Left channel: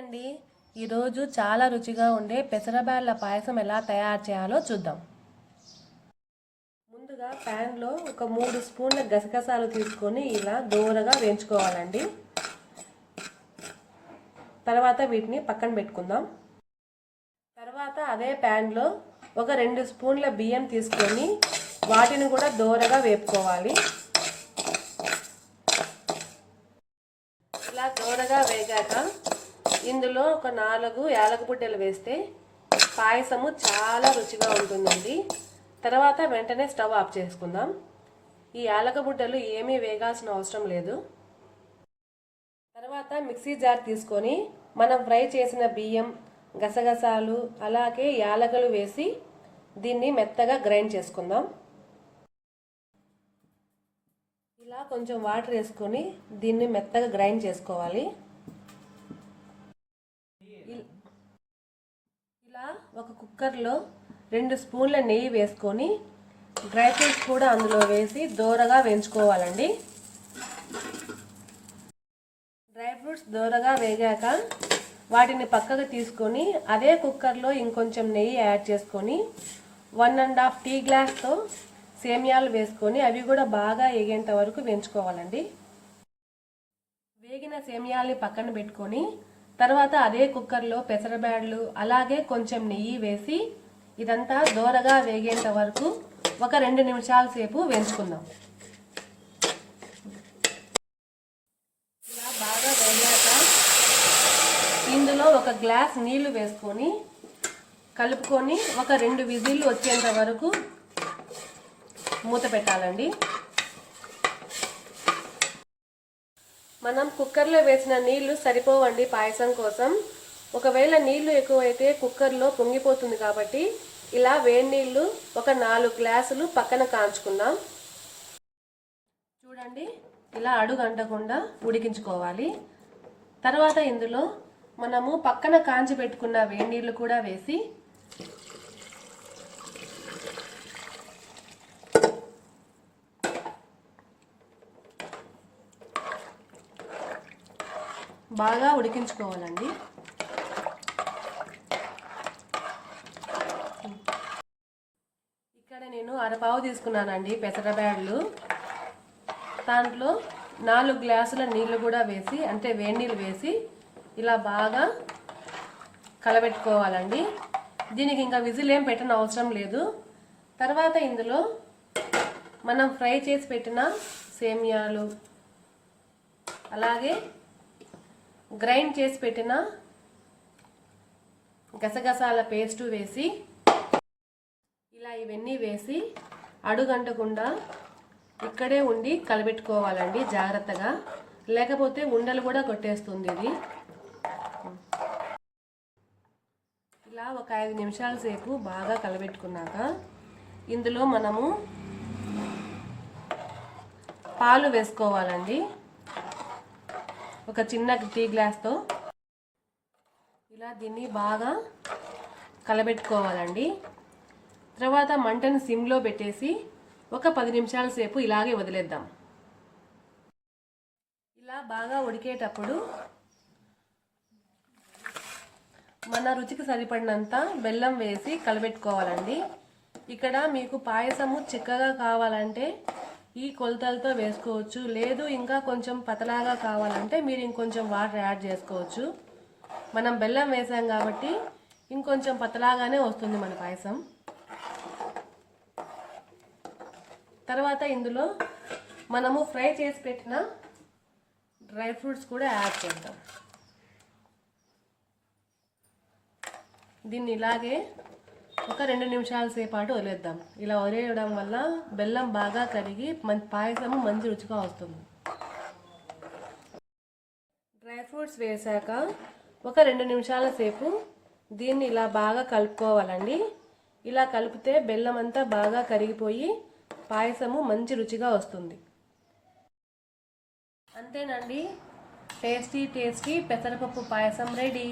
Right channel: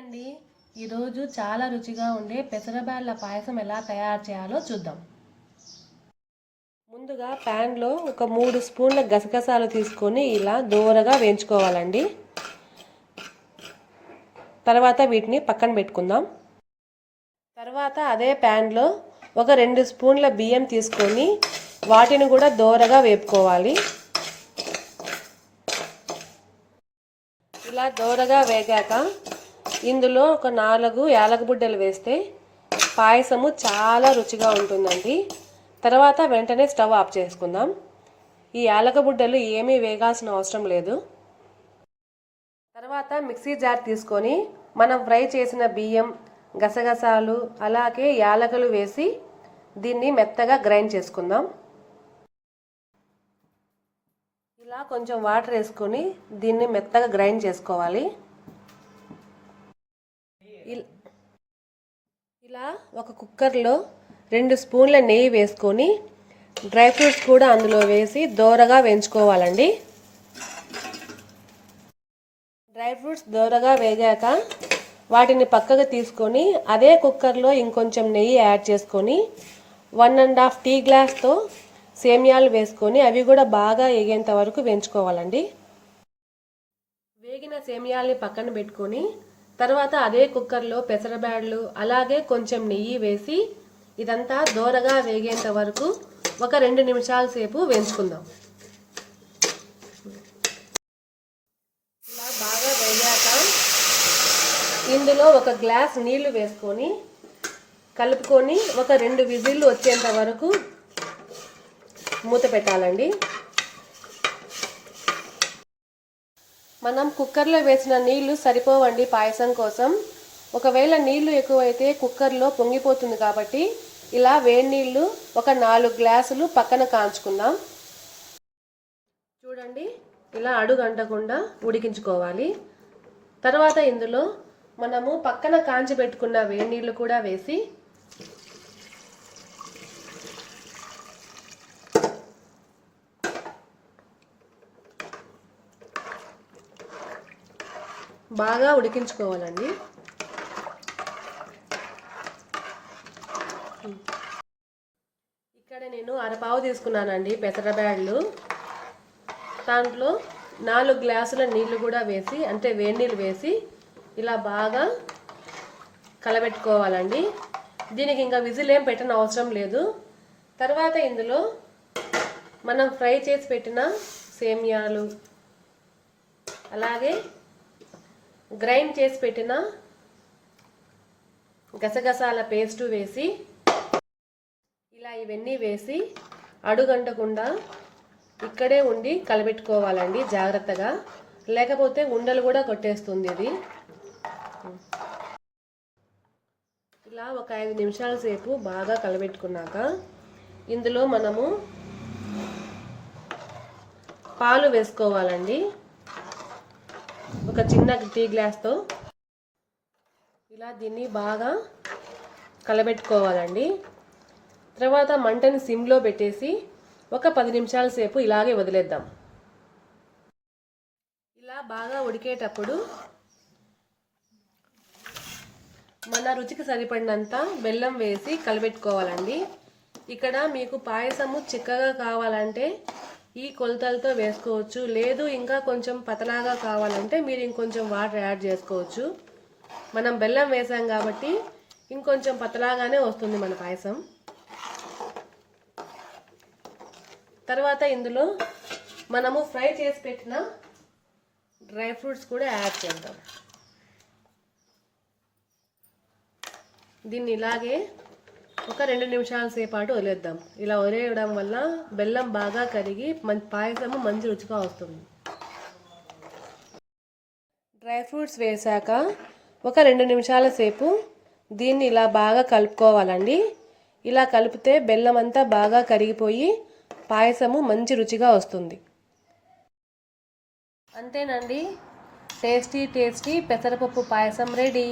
అండి. ఈరోజు చాలా రుచిగా ఉండే పెసరబ్యాళ్ళ పాయసం ఎలా తయారు చేయాలో చూద్దాం. ముందుగా ప్యాన్లో ఒక మూడు స్పూన్ల గసగసాలు తీసుకొని ఇలా దూరగా వేయించుకోవాలండి. తర్వాత వీటిని పక్కన పెట్టుకుందాం. తర్వాత అదే ప్యాన్లో ఒక రెండు స్పూన్ల బియ్యం తీసుకొని వాటిని కూడా దూరగా వేపుకోవాలి. ఇలా దూరగా వేగాక ఇందులో ఒక నాలుగు యాలకబుడ్డలు వేస్తే పాయసము చాలా రుచిగా ఉంటుందండి. తర్వాత వెంటనే స్టవ్ ఆఫ్ చేసుకుందాం. ఈ యాలకబుడ్డలు ఏమీ వేగాల్సిన అవసరం లేదు. తర్వాత మిక్సీ జార్ తీసుకొని మనం ఫ్రై చేసిన బియ్యం గసగసాలు అలాగే యాలకులు వేసి దీన్ని మెత్తగా గ్రైండ్ చేసుకుందాం. ఇలా కొంచెం వాటర్ వేసుకొని దీన్ని మెత్తగా గ్రైండ్ చేసుకోవాలి. ఇలా ఒక కుక్కర్లో రెండు స్పూన్ల నెయ్యి వేసుకొని డ్రై ఫ్రూట్స్ కూడా అందులో వేసి దోరగా వేయించుకోవాలండి. డ్రై ఫ్రూట్స్ దోరగా వేగాక వాటిని పక్కకు తీసుకొని అదే కుక్కర్లో ఇంకొంచెం నెయ్యి యాడ్ చేసుకొని వన్ అండ్ హాఫ్ టీ గ్లాస్తో సేమియాలు వేసుకొని అవి కూడా బాగా ఎగేంత వరకు వేయించుకోవాలండి. వేగిన సేమియాల్ని పక్కన పెట్టుకొని తర్వాత అదే కుక్కర్లో పెసరబ్యాడ్లు అలాగే కొంచెం నెయ్యి వేసి ఇదంతా దోరగా వేగేంత వరకు ఒక రెండు నిమిషాల సేపు వేయించుకుందాం. ఇలా బాగా వేగాక ఇందులో ఒక గ్లాస్ నీళ్ళు వేసుకొని కలుపుకొని ఒక రెండు విజిల్లు వచ్చేంత వరకు మూత పెట్టాలండి. మనం కుక్కర్లో వేసిన నీళ్ళు సరిపోవండి పాయసం కోసం. ఒకవేళ నీళ్ళు ఎక్కువైతే కుక్కర్లో పొంగిపోతుంది కాబట్టి ఇలా వేడి నీళ్ళు ఒక నాలుగు గ్లాసులు పక్కన కాంచుకుందాం. చూడండి ఇలా అడుగు అంటకుండా ఉడికించుకోవాలి. తర్వాత ఇందులో మనము పక్కన కాంచి పెట్టుకున్న వేడి నీళ్ళు కూడా వేసి బాగా ఉడికించుకోవాలండి. ఇక్కడ నేను అరపావు తీసుకున్నానండి పెసరబ్యాళ్ళు దాంట్లో నాలుగు గ్లాసుల నీళ్ళు కూడా వేసి అంటే వేడి నీళ్ళు వేసి ఇలా బాగా కలబెట్టుకోవాలండి. దీనికి ఇంకా విజిల్ ఏం పెట్టిన అవసరం లేదు. తర్వాత ఇందులో మనం ఫ్రై చేసి పెట్టిన సేమియాలు అలాగే గ్రైండ్ చేసి పెట్టిన గసగసాల పేస్టు వేసి ఇలా ఇవన్నీ వేసి అడుగంటకుండా ఇక్కడే ఉండి కలబెట్టుకోవాలండి జాగ్రత్తగా. లేకపోతే ఉండలు కూడా కొట్టేస్తుంది ఇది. ఇలా ఒక ఐదు నిమిషాల సేపు బాగా కలబెట్టుకున్నాక ఇందులో మనము పాలు వేసుకోవాలండి. ఒక చిన్న టీ గ్లాస్తో ఇలా దీన్ని బాగా కలబెట్టుకోవాలండి. తర్వాత మంటను సిమ్లో పెట్టేసి ఒక పది నిమిషాల సేపు ఇలాగే వదిలేద్దాం. ఇలా బాగా ఉడికేటప్పుడు మన రుచికి సరిపడినంత బెల్లం వేసి కలబెట్టుకోవాలండి. ఇక్కడ మీకు పాయసము చిక్కగా కావాలంటే ఈ కొలతలతో వేసుకోవచ్చు. లేదు ఇంకా కొంచెం పతలాగా కావాలంటే మీరు ఇంకొంచెం వాటర్ యాడ్ చేసుకోవచ్చు. మనం బెల్లం వేసాం కాబట్టి ఇంకొంచెం పతలాగానే వస్తుంది మన పాయసం. తర్వాత ఇందులో మనము ఫ్రై చేసి పెట్టిన డ్రై ఫ్రూట్స్ కూడా యాడ్ చేద్దాం. దీన్ని ఇలాగే ఒక రెండు నిమిషాల సేపాటు వదిలేద్దాం. ఇలా వదిలేయడం వల్ల బెల్లం బాగా కరిగి మంచి పాయసము మంచి రుచిగా వస్తుంది. డ్రై ఫ్రూట్స్ వేసాక ఒక రెండు నిమిషాల సేపు దీన్ని ఇలా బాగా కలుపుకోవాలండి. ఇలా కలిపితే బెల్లం అంతా బాగా కరిగిపోయి పాయసము మంచి రుచిగా వస్తుంది. అంతేనండి. టేస్టీ టేస్టీ పెసరపప్పు పాయసం రెడీ.